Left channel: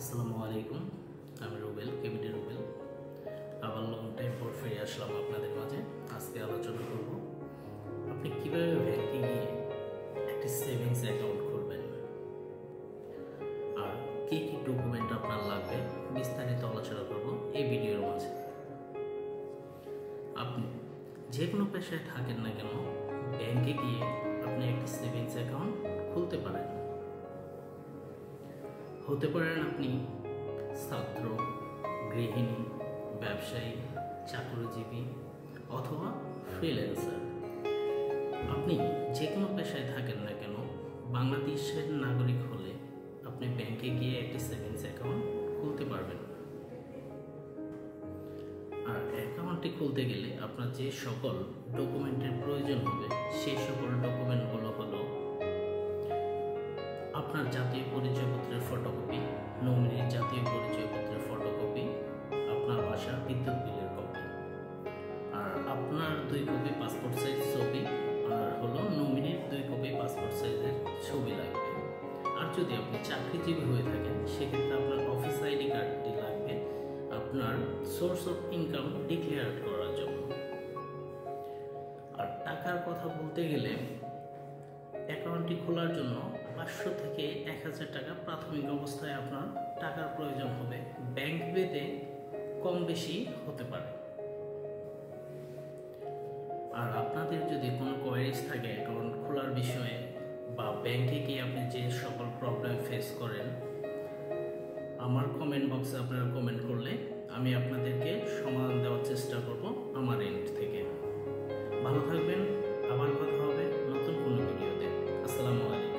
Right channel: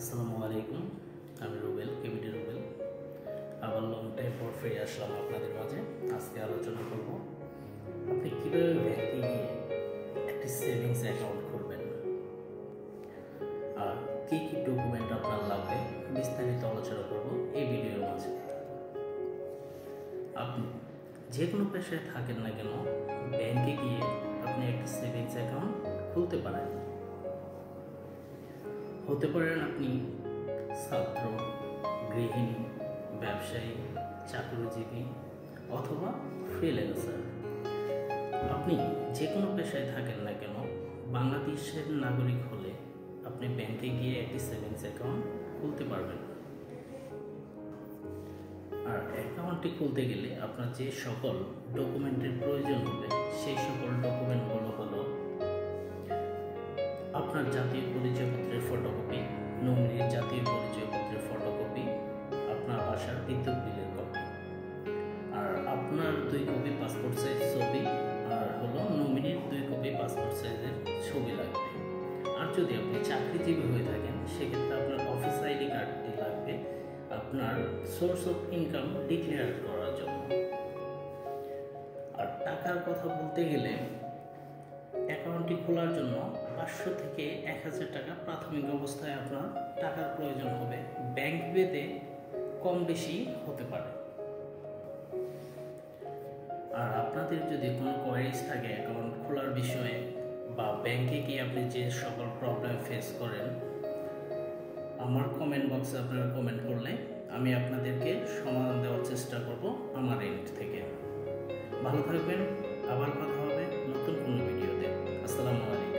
আসসালামু আলাইকুম। আমি রুবেল, কেবিডি রুবেল। আবার লং টাইম পর ফিরে আসলাম আপনাদের মাঝে। আজকে আলোচনা করব আপনি কীভাবে ব্যাংকে গিয়ে একটি সেভিংস অ্যাকাউন্ট খুলবেন আর কী কী ডকুমেন্ট আপনার লাগবে বিস্তারিত আলোচনা করব এই ভিডিওর মাঝে। আপনি যে কোনো পেশায় থাকেন না কেন, ব্যাংকে গিয়ে আপনি একটি সেভিংস অ্যাকাউন্ট খুলতে পারেন। হতে পারেন আপনি ছাত্র, গৃহিণী, ব্যবসায়ী, চাকরিজীবী অথবা ফ্রিল্যান্সার। আপনি যে কোনো পেশায় থাকেন না কেন, বাংলাদেশের নাগরিক হলে আপনি ব্যাংকে গিয়ে একটি সেভিংস অ্যাকাউন্ট খুলতে পারবেন। আর অ্যাকাউন্টটি খুলতে গেলে আপনার যে সকল ডকুমেন্টের প্রয়োজন হবে সেই সকল ডকুমেন্টগুলো হলো আপনার জাতীয় পরিচয়পত্রের ফটোকপি, নমিনির জাতীয় পরিচয়পত্রের ফটোকপি, আপনার বাসার বিদ্যুৎ বিলের কপি, আর আপনার 2 কপি পাসপোর্ট সাইজ ছবি, আর হলো নমিনির 2 কপি পাসপোর্ট সাইজের ছবি লাগবে। আর যদি আপনি চাকরিজীবী হয়ে থাকেন সেক্ষেত্রে আপনার অফিস আইডি কার্ডটি লাগবে আপনার সোর্স অফ ইনকাম ডিক্লেয়ার করার জন্য। আর টাকার কথা বলতে গেলে অ্যাকাউন্টটি খোলার জন্য 500 থেকে 1000 টাকা প্রাথমিক অবস্থায় আপনার টাকার প্রয়োজন হবে। ব্যাংক ভেদে কম বেশি হতে পারে। আর আপনাদের যদি কোনো কোয়ারিজ থাকে অ্যাকাউন্ট খোলার বিষয়ে বা ব্যাংকে গিয়ে আপনি যে সকল প্রবলেম ফেস করেন, আমার কমেন্ট বক্সে আপনারা কমেন্ট করলে আমি আপনাদেরকে সমাধান দেওয়ার চেষ্টা করব আমার এন্ড থেকে। ভালো থাকবেন, আবার কথা হবে নতুন কোনো ভিডিওতে। আসসালামু আলাইকুম।